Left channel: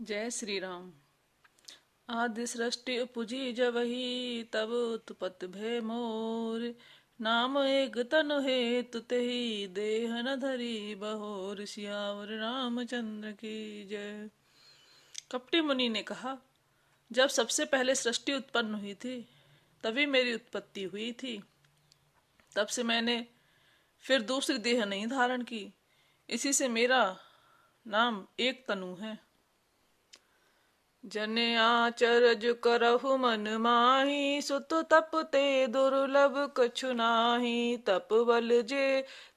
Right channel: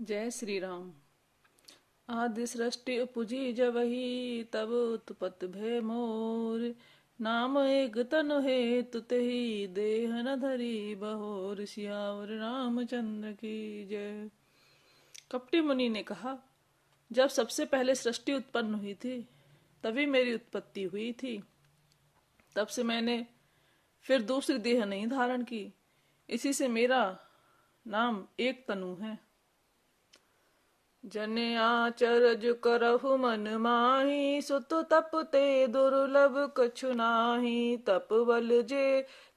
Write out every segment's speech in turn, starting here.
जय श्री राम। आदि सृष्टि उपजी जबहि तब उत्पत भय मोर। नाम एक तनु हेतु तेहि देह न धरी बहोर। सियावर रामचंद्र की जय। कपटी मुनि ने कहा, जब सबसे पहले सृष्टि उत्पन्न हुई थी तभी मेरी उत्पत्ति हुई थी। तब से मैंने फिर दूसरी देह नहीं धारण की। इसी से मेरा नाम एक तनु है। जने आचरज करहु मन माही। सुत तप ते दुर्लभ कछु नाही। तप बल जे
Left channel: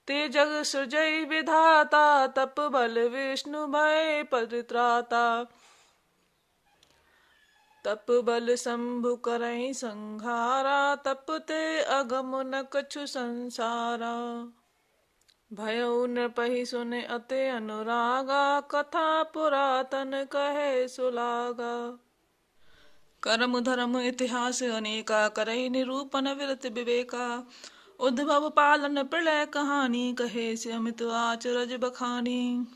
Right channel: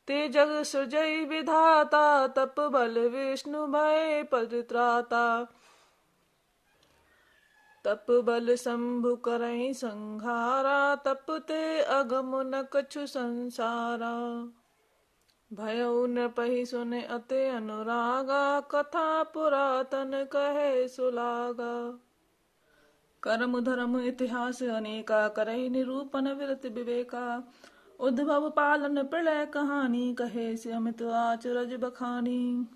ते जग सृजई विधाता। तप बल विष्णु भय परित्राता। तप बल शंभु करई संघारा। तप ते अगम न कछु संसारा। भयउ नृपहि सुने अति अनुरागा। कथा पुरातन कहे सुलागा। कर्म धर्म इतिहास अनेका। करई निरूपण विरत विवेका। उद्भव पालन प्रलय कहानी। कहे से अमित आचरज बखानी।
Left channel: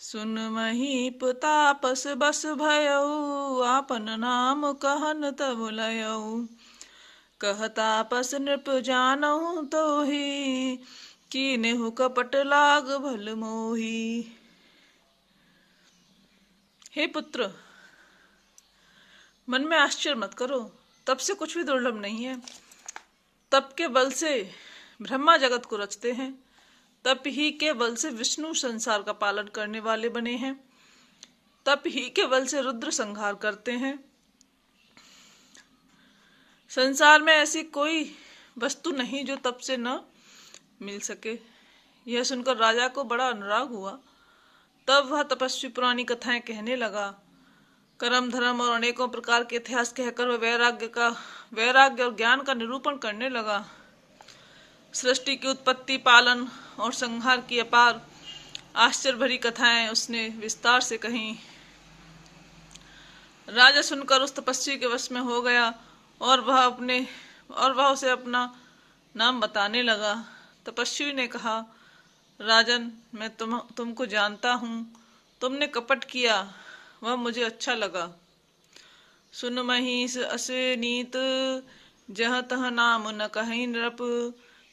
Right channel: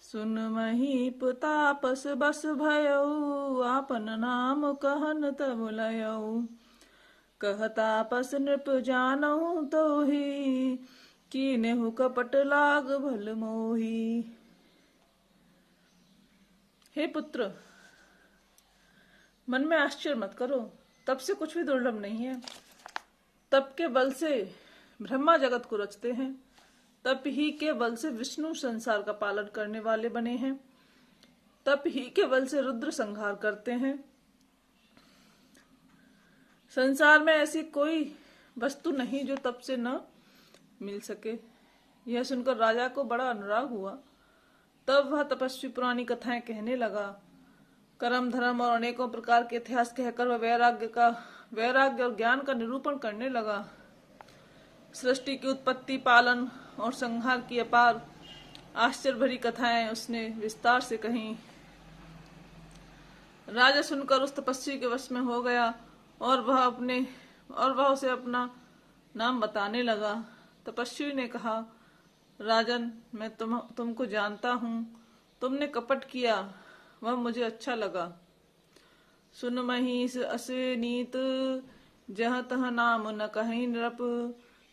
सुन महीप तापस बस भयउ। आपन नाम कहन तब लयउ। कह तापस नृप जानहु तोहि। कीनेहु कपट लाग भल मोही। हे पुत्र, मन में आश्चर्य मत करो। तप से कुछ भी दुर्लभ नहीं है। तप के बल से ब्रह्मा जगत को रचते हैं। तप ही के बल से विष्णु संसार का पालन करने वाले बने हैं। तप ही के बल से रुद्र संहार करते हैं। संसार में ऐसी कोई वस्तु नहीं जो तप से न मिल सके। यह सुनकर राजा को बड़ा अनुराग हुआ। तब वह तपस्वी पुरानी कथाएं कहने लगा। कर्म धर्म और अनेकों प्रकार के इतिहास कहकर वह वैराग्य और ज्ञान का निरूपण करने लगा। सृष्टि की उत्पत्ति, पालन और संहार की अपार आश्चर्य भरी कथाएं उसने विस्तार से कहीं। राजा सुनकर उस तपस्वी के वश में हो गया और वह उसे अपना नाम बताने लगा। तपस्वी ने कहा, राजन, मैं तुमको जानता हूँ। तुमने कपट किया, वह मुझे अच्छा लगा। सुन महिष असे नीत। जह तह नाम न कहीं नृप।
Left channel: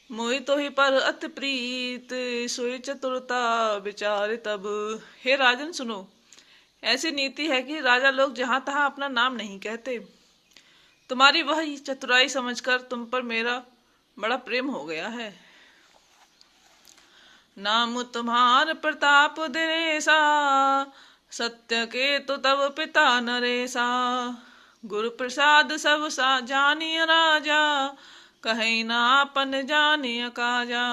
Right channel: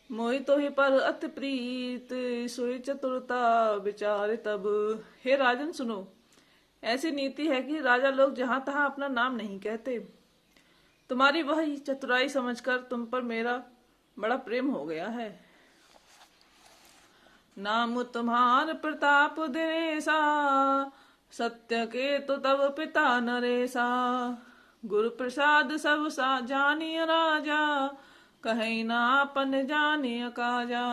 मोहि तो ही पर अति प्रीत। सोई चतुरता विचार तब। हे राजन, सुनो। ऐसी नीति है कि राजा लोग जहां तहां अपना नाम नहीं कहते। तुम्हारी वह चतुराई समझकर तुम पर मेरा बड़ा प्रेम हो गया है। नाम तुम्हार प्रताप दिनेसा। सत्य के तो तब पिता नरेसा। गुरु प्रसाद सब सा जानिय राजा। कहीं ना अपन जानिय काजा।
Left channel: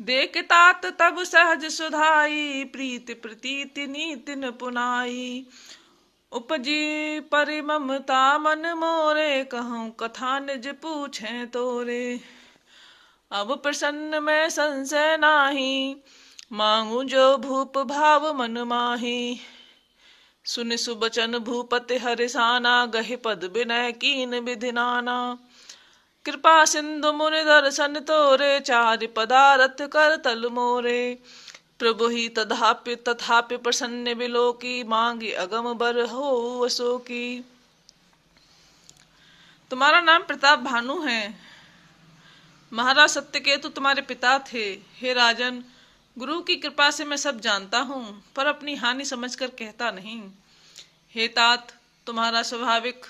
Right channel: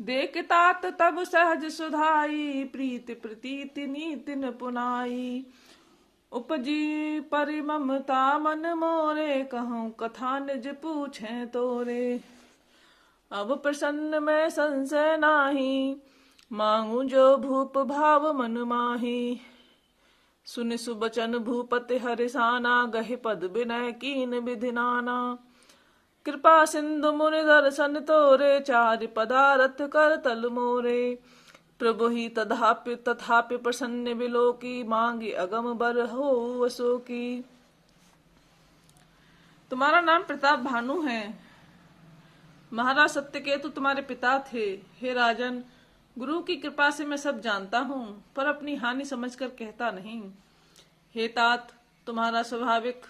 देख तात तब सहज सुधाई। प्रीति प्रतीति नीति न पुनाई। उपजी परिममता मन मोरे। कहूँ कथा निज पूछे तोरे। अब प्रसन्न में संशय नाही। मांगू जो भूप भाव मन माही। सुनि सुबचन भूपति हरिसाना। गहि पद विनय कीन विधि नाना। कृपा सिंधु मुनि दर्शन तोरे। चारि पदारथ कर तल मोरे। प्रभु ही तथापि प्रसन्न बिलोकी। मांगी अगम बर हो वसो की। तुम्हारा नाम प्रताप भानु है। महाराज सत्यकेतु तुम्हारे पिता थे। हे राजन, गुरु की कृपा से मैं सब जानता हूँ, पर अपनी हानि समझकर कहता नहीं। हे तात, तुम्हारा स्वाभाविक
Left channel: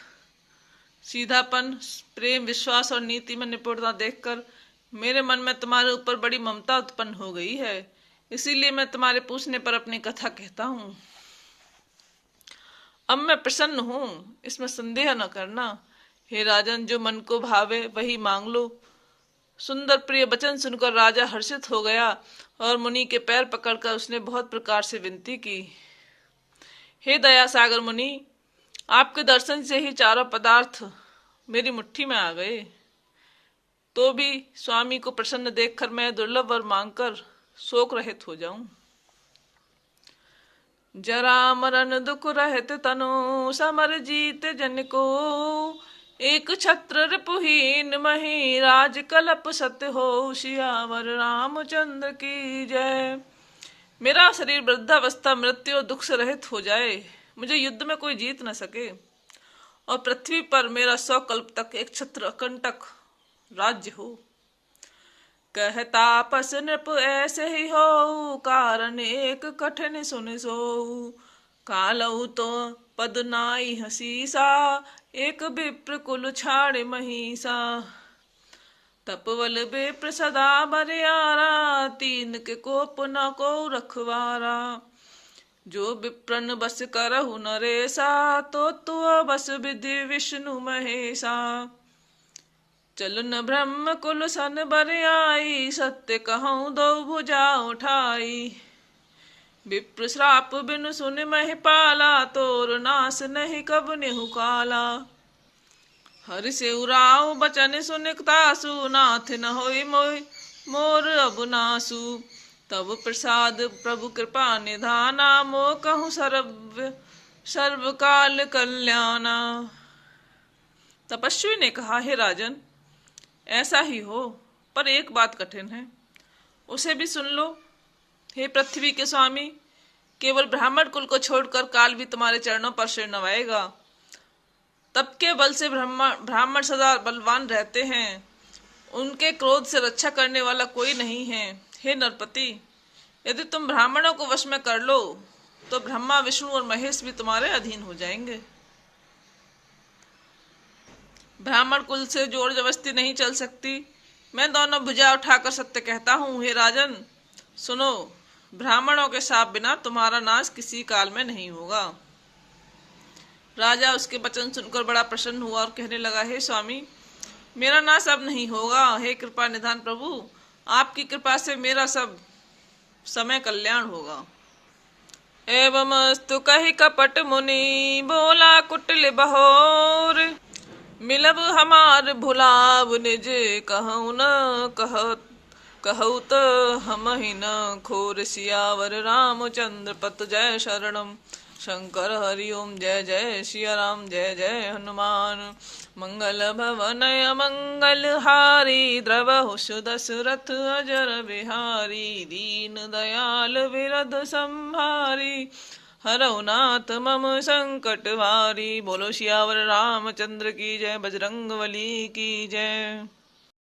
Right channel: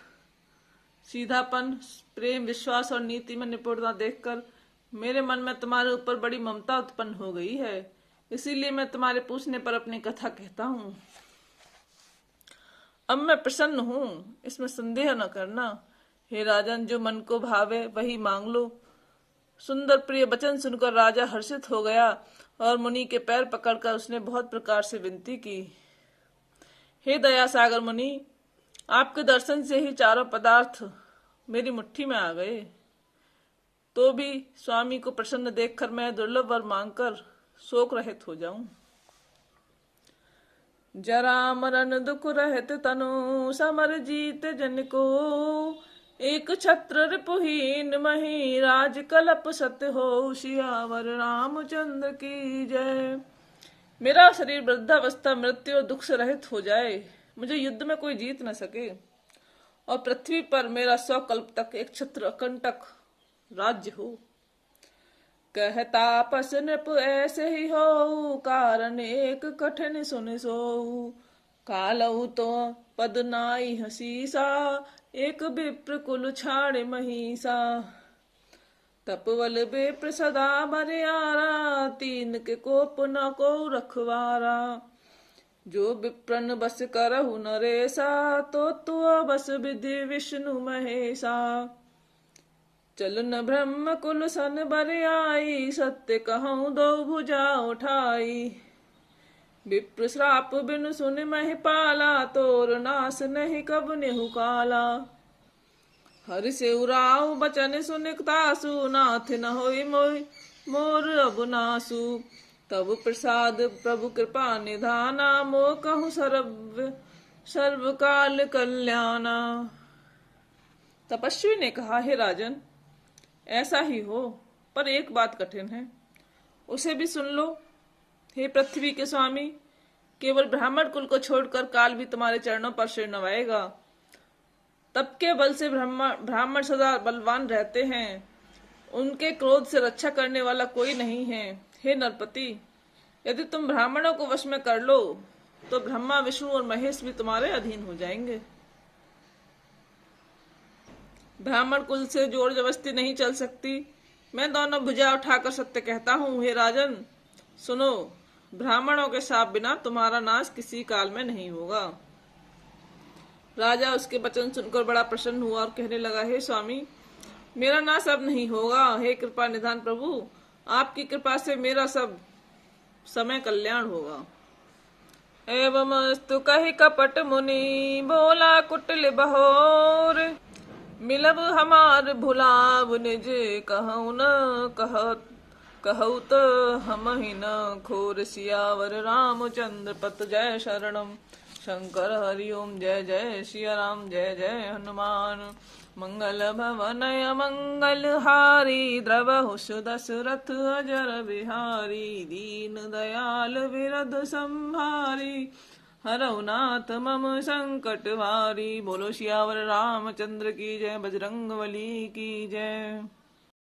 सीधापन, प्रेम, विश्वास और नीति में निपुणता देखकर मेरे मन में तुम्हारे ऊपर बड़ी ममता उत्पन्न हो गई है। इसीलिए मैं तुम्हारे पूछने पर अपनी कथा कहता हूँ। अब मैं प्रसन्न हूँ, इसमें संदेह न करना। हे राजन, जो मन को भावे वही मांग लो। सुंदर प्रिय वचन सुनकर राजा हर्षित हो गया और मुनि के पैर पकड़कर उसने बहुत प्रकार से विनती की। हे दया सागर मुनि, आपके दर्शन से ही चारों पदार्थ मेरी मुट्ठी में आ गए। तो भी स्वामी को प्रसन्न देखकर मैं दुर्लभ वर मांगकर शोक रहित हो जाऊं। जरा मरण दुख रहित तनु। समर जीत जन को। एक छत्र रिपुहीन मही। राज कलप सत्य हो। सियावर रामचंद्र की जय। मेरा शरीर वृद्धावस्था मृत्यु और दुख से रहित हो जाए, मुझे युद्ध में कोई जीत न सके, और पृथ्वी पर मेरा 100 कल्प तक एक छत्र अकंटक राज्य हो। कहता पस नृप ऐसे ही हो, कारण एक कठिन सुन सोऊ। कालऊ तो पद नाई हसीसा, एक विप्र कुल छाड़ महिषा। तपवल विप्र सदा बरियारा, तीन के कोप न को रखवारा। जो विप्रन बस करहु नरेसा, तो तुअ बस विधि विष्णु महेशा। चलन ब्रह्म कुल सन बरियाई, सत्य कहूँ दो भुजा उठाई। विप्र श्राप बिनु सुन महिपाला, तोर नाश नहीं कब नेहु काला। हरि से उराव बचन सुनिकतासु, नाथ न होई मोर अब नासु। तब प्रसाद प्रभु कृपा निधाना, मोह कहूँ सर्वकाल कल्याणा। तपस्वी ने कहा, हे राजन, ऐसा ही हो, पर एक बात कठिन है, उसे भी सुन लो। हे पृथ्वी के स्वामी, केवल ब्राह्मण कुल को छोड़कर काल भी तुम्हारे चरणों पर सिर नवाएगा। तप के बल से ब्राह्मण सदा बलवान रहते हैं, उनके क्रोध से रक्षा करने वाला कोई नहीं है। हे नरपति, यदि तुम ब्राह्मणों को वश में कर लो तो ब्रह्मा विष्णु और महेश भी तुम्हारे अधीन हो जाएंगे। ब्राह्मण कुल से जोर जबरदस्ती नहीं चल सकती। मैं दोनों भुजा उठाकर सत्य कहता हूँ। हे राजन सुनो, ब्राह्मणों के शाप बिना तुम्हारा नाश किसी काल में नहीं होगा। राजा उसके वचन सुनकर बड़ा प्रसन्न हुआ और कहने लगा, हे स्वामी, मेरा नाश अब नहीं होगा। हे कृपा निधान प्रभु, आपकी कृपा से मेरा सब समय कल्याण होगा। एवमस्तु कहि कपट मुनि, बोला कुटिल बहोर। मिलब हमार भुलाव निज, कहूँ न कहू तो हम ही न खोर। सियावर रामचंद्र पत जय शरणम। शंकर हरिओम जय जय सिया राम, जय जय हनुमान। मंगल भवन मंगल हारी, द्रवहु सुदशरथ अजर बिहारी। दीन दयाल विरद संहारी, हरौ नाथ मम संकट वारी। बोलो सियावर रामचंद्र की जय, बजरंग बली की जय।